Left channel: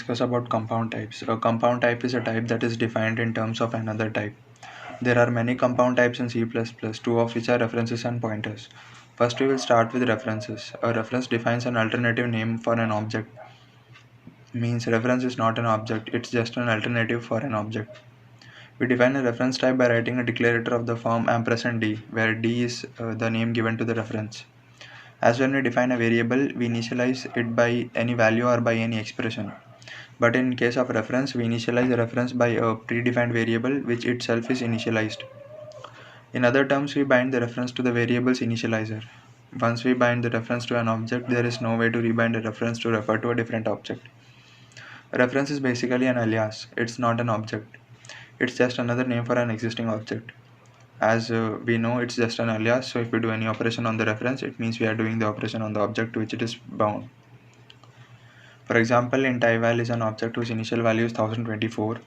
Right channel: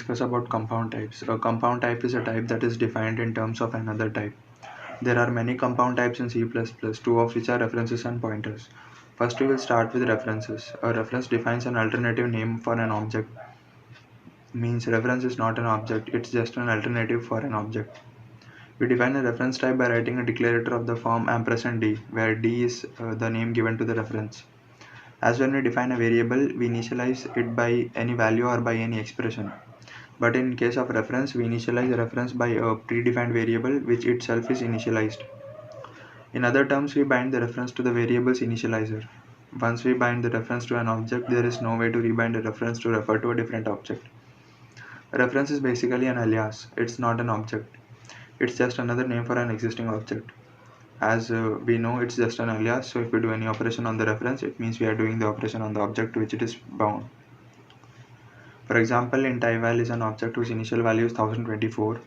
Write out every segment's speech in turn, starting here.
discuss about compound types. A compound type is a type that is defined in terms of another type. There are many compound types in C++, two of which are references and pointers. First, we will start with references. A reference defines an alternative name for an object. Means reference is not an object, it's just an alternative for an object. We define a reference type by writing a declarator of the form ampersand d, where d is the name given to the reference. As when we define a variable, we initialize it by any value or by any expression. But in case of reference, we initialize the reference by a predefined variable which itself is initialized. In other terms, we bind the reference to the variable's initializer. Once we bind the reference to an object, there is no way to rebind the reference to refer to a different object. A reference is basically an alias, it's not an object. It's just another name for an existing object. As we know, it's just an alias, so if we do any operation on the reference, it means we are doing the operation on the object to which it is bound. For example, int ival is an object whose initial value is 1024.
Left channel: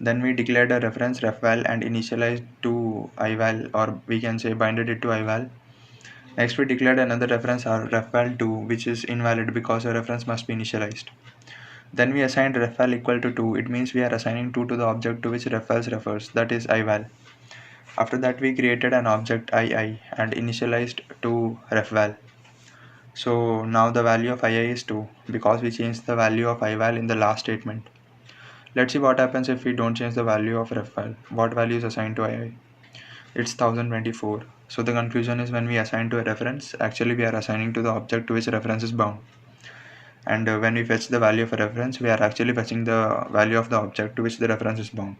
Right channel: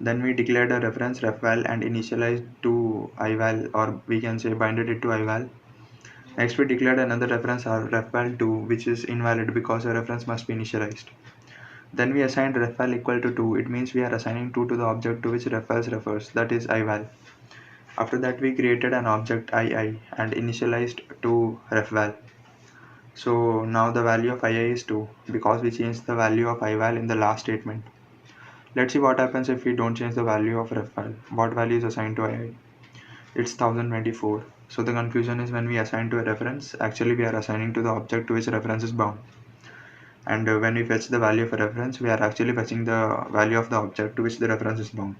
Then we declared a reference refval and initialized to ival, or we can say binded it to ival. Next, we declared another reference refval2, which is invalid because a reference must be initialized. Then we assigned refval equal to 2. It means we are assigning 2 to the object to which refvals refers, that is ival. After that, we created an object ii and initialized to refval. So now the value of ii is 2 because we changed the value of ival in the last statement. Let's see what happens if we don't change the value of refval. What value is assigned to ii? It's 1024. So the confusion is when we assign to a reference, actually we are assigning to the object to which reference is bound. And when we fetch the value of a reference, we are actually fetching the value of the object to which the reference is bound.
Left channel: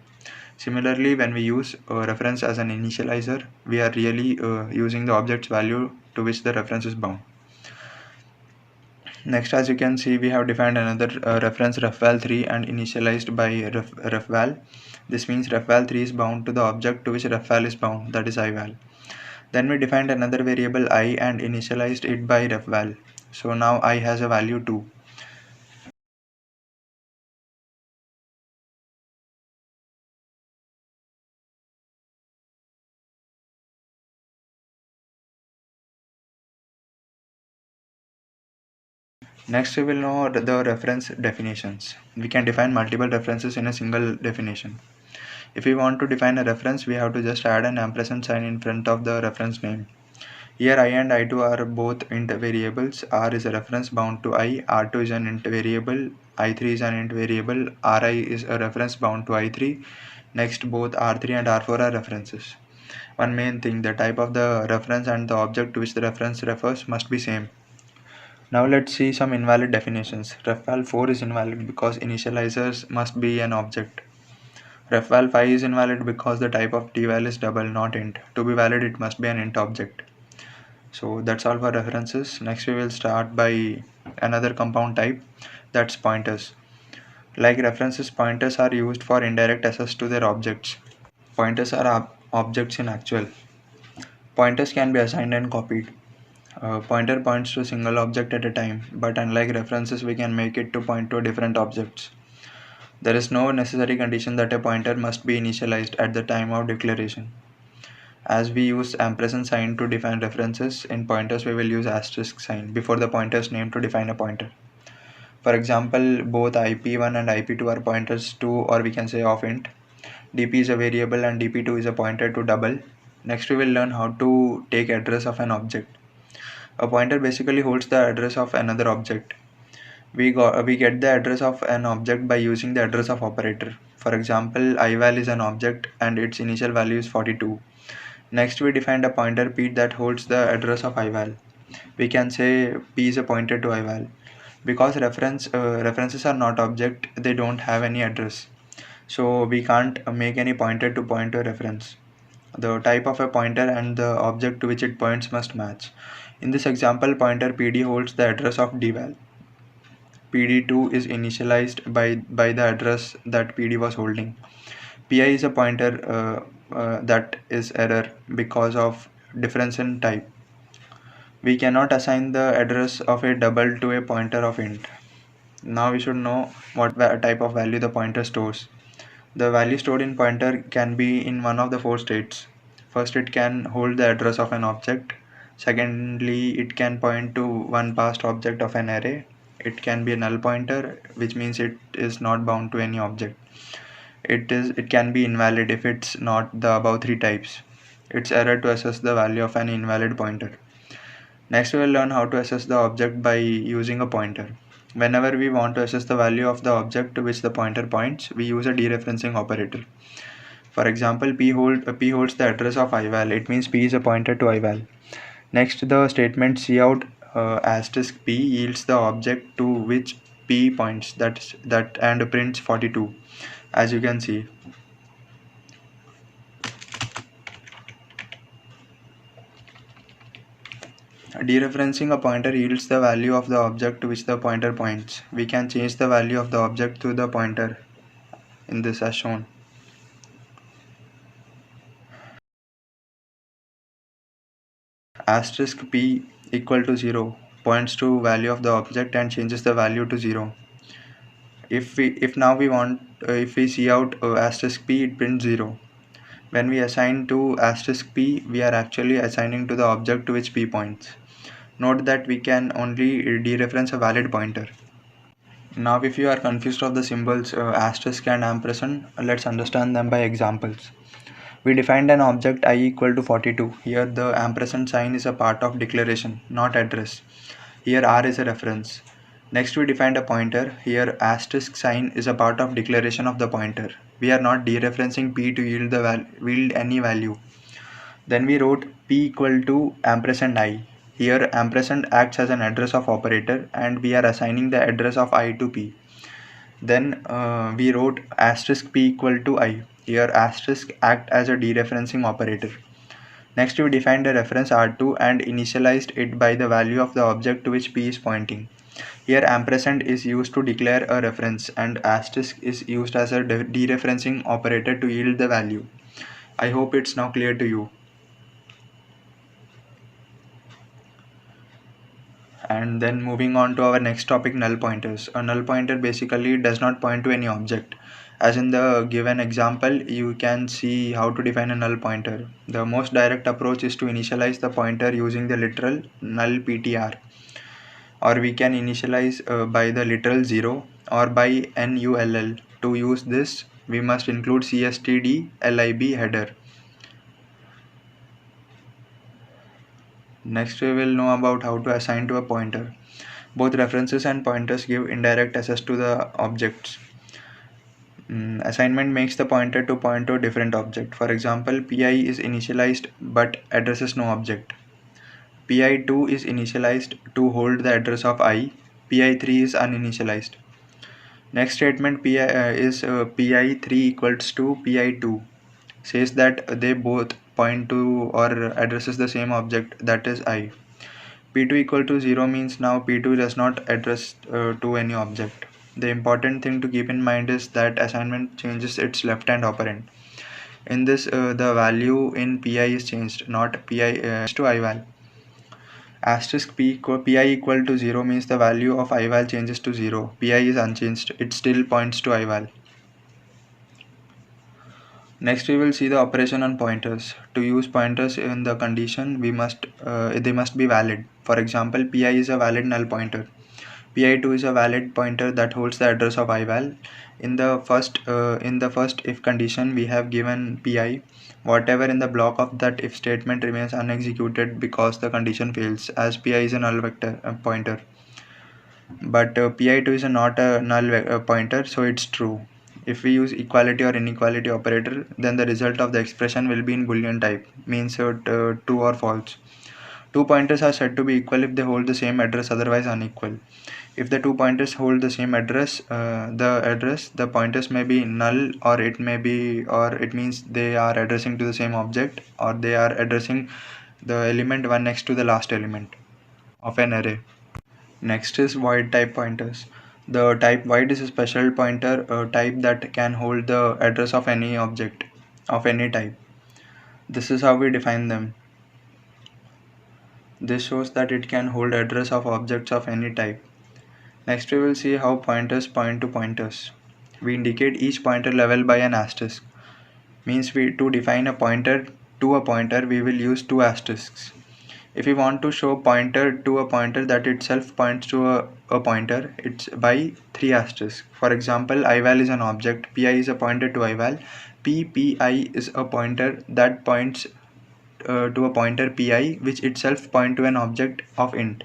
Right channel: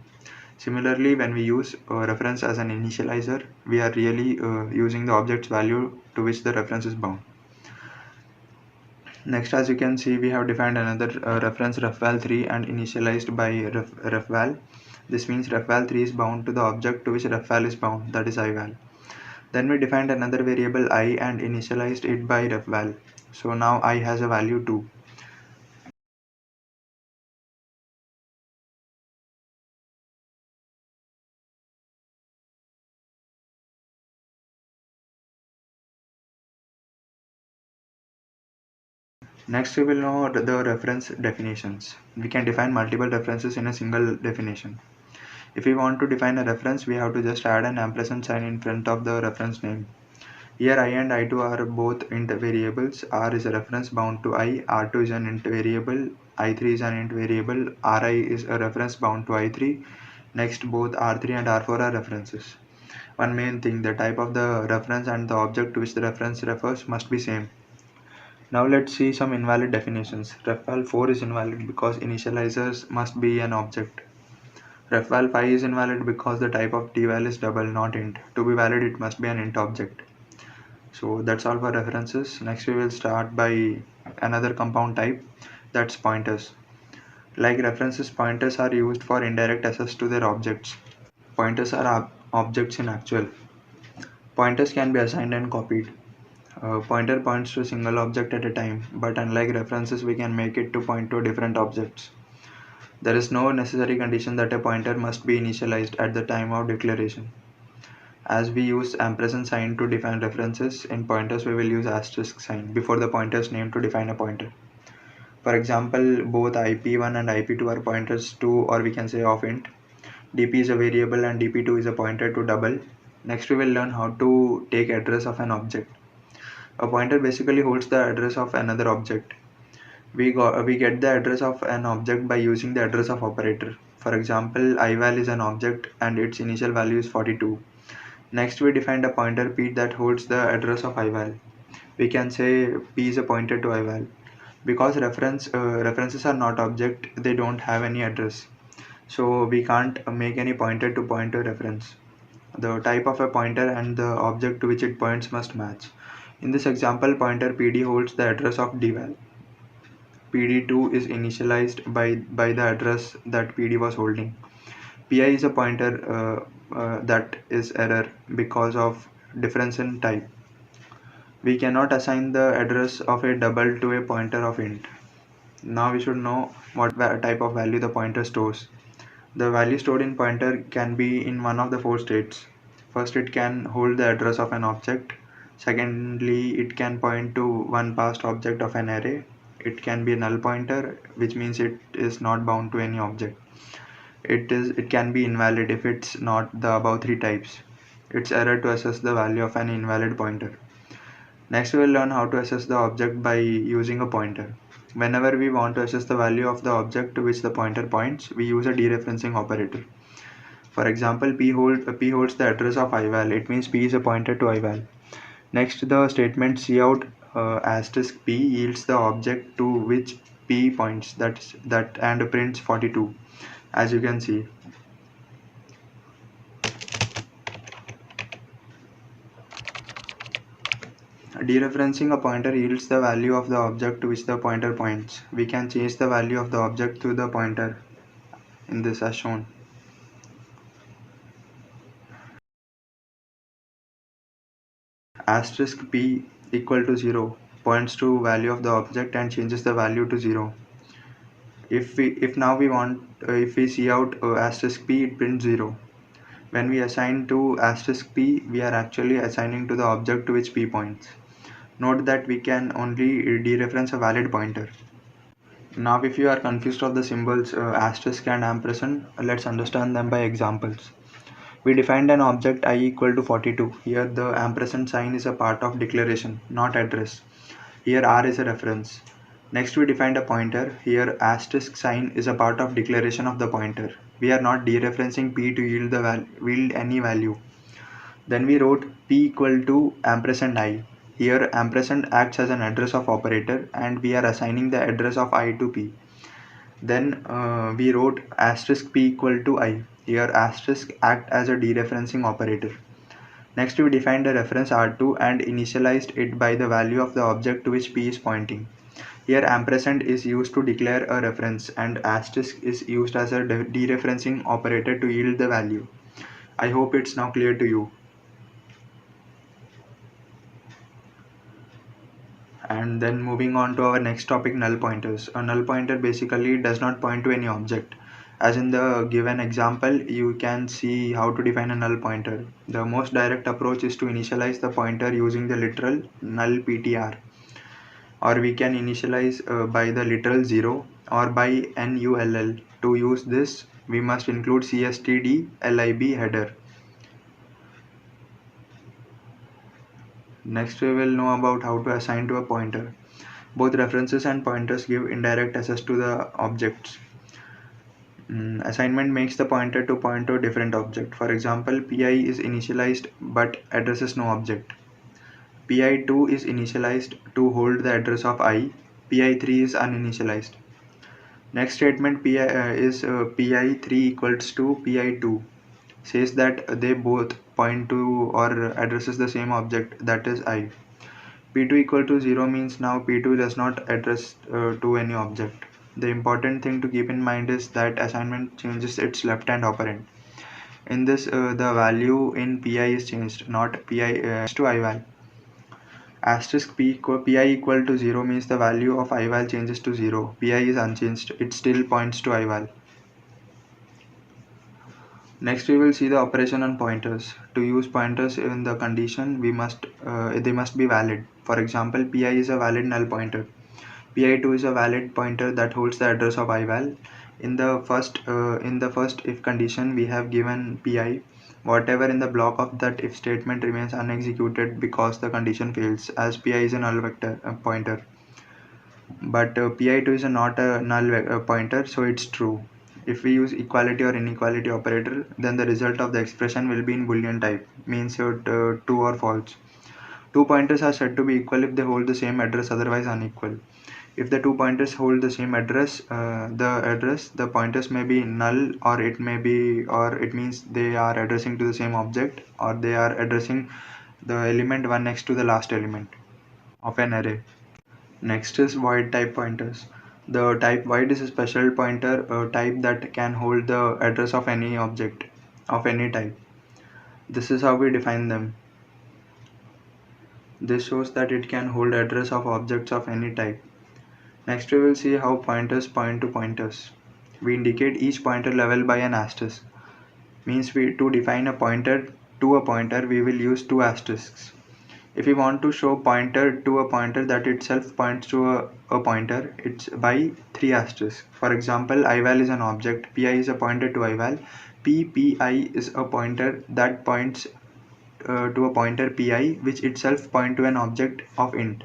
Similarly, when we use a reference as an initializer, we are really using the object's value to which the reference is bound. Next, as you can see, we have defined another reference refval3 and initialized by refval. This means refval3 is bound to the object to which refval is bound, that is ival. Then we defined another variable I and initialized it by refval. So now I has a value 2. Next, we will know the reference definitions. We can define multiple references in a single definition. If we want to define a reference, we have to just add an ampersand sign in front of the reference name. Here I and I2 are both int variables. R is a reference bound to I, R2 is an int variable, I3 is an int variable, Ri is a reference bound to I3. Next, both R3 and R4 are references. One main thing, the type of the reference and the object to which the reference refers must be same. Now let's see some invalid definitions. Refval4 is invalid because initializers must be an object. Refval5 is invalid because the type of deval is double, not int. To be valid, it must be an int object. So that's all for references. Next we will start by another compound type, that's pointers. Like references, pointers are used for indirect access to their objects. Pointers are objects in actual. Pointers can be assigned and copied. Pointer points to a single object at a time, but unlike references, we can make it to point to different objects. There is no necessary condition that a pointer must be initialized at the time of declaration. As we use ampersand sign to define references, in pointers we will use asterisk sign before the pointer's name to define a pointer. For example, both IP1 and IP2 are pointers to, or we can say of int. DP is a variable and DP2 is a pointer to double. Next we will learn how to take address of an object. A pointer basically holds the address of another object. We get the address of an object by using the address of operator. For example, ival is an object and its initial value is 42. Next, we defined a pointer p that holds the address of ival. We can say p is a pointer to ival. Because references are not object, they don't have any address. So we can't make any pointer to point to a reference. The type of a pointer and the object to which it points must match. In this example, pointer pd holds the address of dval. pd2 is initialized by the address that pd was holding. Pi is a pointer that is error because of difference in type. We cannot assign the address of a double to a pointer of int. Now we should know what type of value the pointer stores. The value stored in pointer can be in one of the four states. First, it can hold the address of an object. Secondly, it can point to one past object of an array. It can be a null pointer, which means it is not bound to any object. It can be invalid if it's not the above three types. It's error to assess the value of an invalid pointer. Next, we will learn how to assess the object by using a pointer. Whenever we want to assess the value of the object to which the pointer points, we use a dereferencing operator. For example, P holds the address of ival. It means P is a pointer to ival. Next, the statement cout asterisk P yields the object to which P points, that and prints 42, as you can see. Dereferencing a pointer yields the value of the object to which the pointer points. We can change the value of the object to the pointer in this as shown. Asterisk P equal to 0 points to value of the object and changes the value to 0. If now we want if we cout asterisk P, it prints 0. When we assign to asterisk P, we are actually assigning to the object to which P points. Note that we can only dereference a valid pointer. Now if you are confused of the symbols asterisk and ampersand, let's understand them by examples. We defined an object I equal to 42. Here the ampersand sign is a part of declaration, not address. Here R is a reference. Next we defined a pointer. Here asterisk sign is a part of declaration of the pointer. We are not dereferencing P to yield any value. Then we wrote P equal to ampersand I. Here ampersand acts as an address of operator and we are assigning the address of I to P. Then we wrote asterisk P equal to I. Here asterisk act as a dereferencing operator. Next we defined a reference R2 and initialized it by the value of the object to which P is pointing. Here ampersand is used to declare a reference and asterisk is used as a dereferencing operator to yield the value. I hope it's now clear to you. And then moving on to our next topic, null pointers. A null pointer basically does not point to any object. As in the given example, you can see how to define a null pointer. The most direct approach is to initialize the pointer using the literal null ptr, or we can initialize by the literal 0 or by null. To use this, we must include cstd lib header. Next we will know about how to assign to a pointer. Both references and pointers give indirect access to the objects. Assignment makes the pointer to point to a different object. For example, pi is initialized but addresses no object. pi2 is initialized to hold the address of I. pi3 is uninitialized. Next statement is pi3 equals to pi2 says that they both point to or addresses the same object, that is I. P2 equal to 0 means now P2 does not address to any object. The important thing to keep in mind is that assignment changes its left-hand operand. In this, the value in Pi is changed, not Pi to ival. Asterisk Pi equal to 0 means the value of ival changes to 0. Pi is unchanged. It still points to ival. Next we will see the operation on pointers. To use pointers in the condition, they must be valid. For example, Pi is a valid null pointer. Pi2 is a valid pointer that holds the address of ival. In the first if condition, we have given Pi. Whatever in the block of that if statement remains unexecuted because the condition fails, as Pi is a null vector pointer. But Pi2 is not a null pointer, so it's true. If we use equality or inequality operator, then the result of the expression will be in Boolean type, means true or false. Two pointers are said to be equal if they hold the same address, otherwise unequal. If the two pointers hold the same address, the pointers may be null, or it means they are addressing to the same object, or they are addressing the element one next to the last element of an array. Next is void type pointers. The type void is a special pointer type that can hold the address of any object of any type. This is how we define them. This shows that it can hold address of objects of any type. Next we will see how pointers point to pointers. We indicate each pointer level by an asterisk. Means to define a pointer to a pointer, we will use two asterisks. If we want to show pointer to a pointer that itself points to a pointer, it's by 3 asterisks. For example, ival is an object, pi is a pointer to ival, pi is a pointer that points to a pointer pi which itself point to an object of int.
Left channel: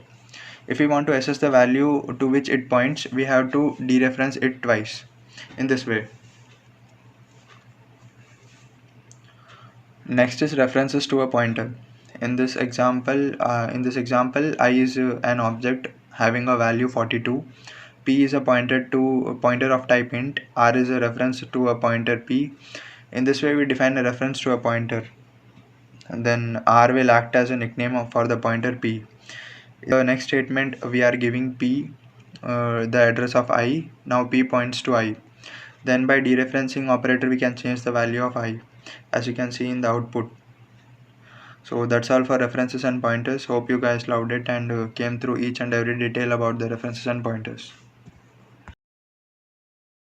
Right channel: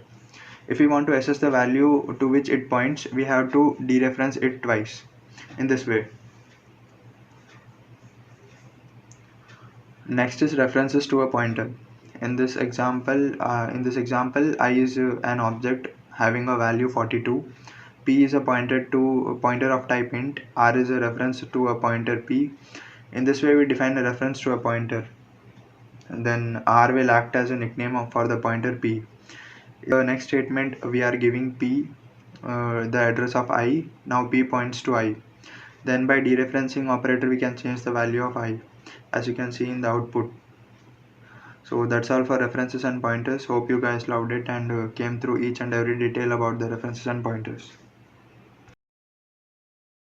If we want to assess the value to which it points, we have to dereference it twice in this way. Next is references to a pointer. In this example, I is an object having a value 42. P is a pointer of type int. R is a reference to a pointer P. In this way, we define a reference to a pointer. And then R will act as a nickname for the pointer P. In the next statement, we are giving P the address of I. Now P points to I. Then by dereferencing operator, we can change the value of I, as you can see in the output. So that's all for references and pointers. Hope you guys loved it and came through each and every detail about the references and pointers.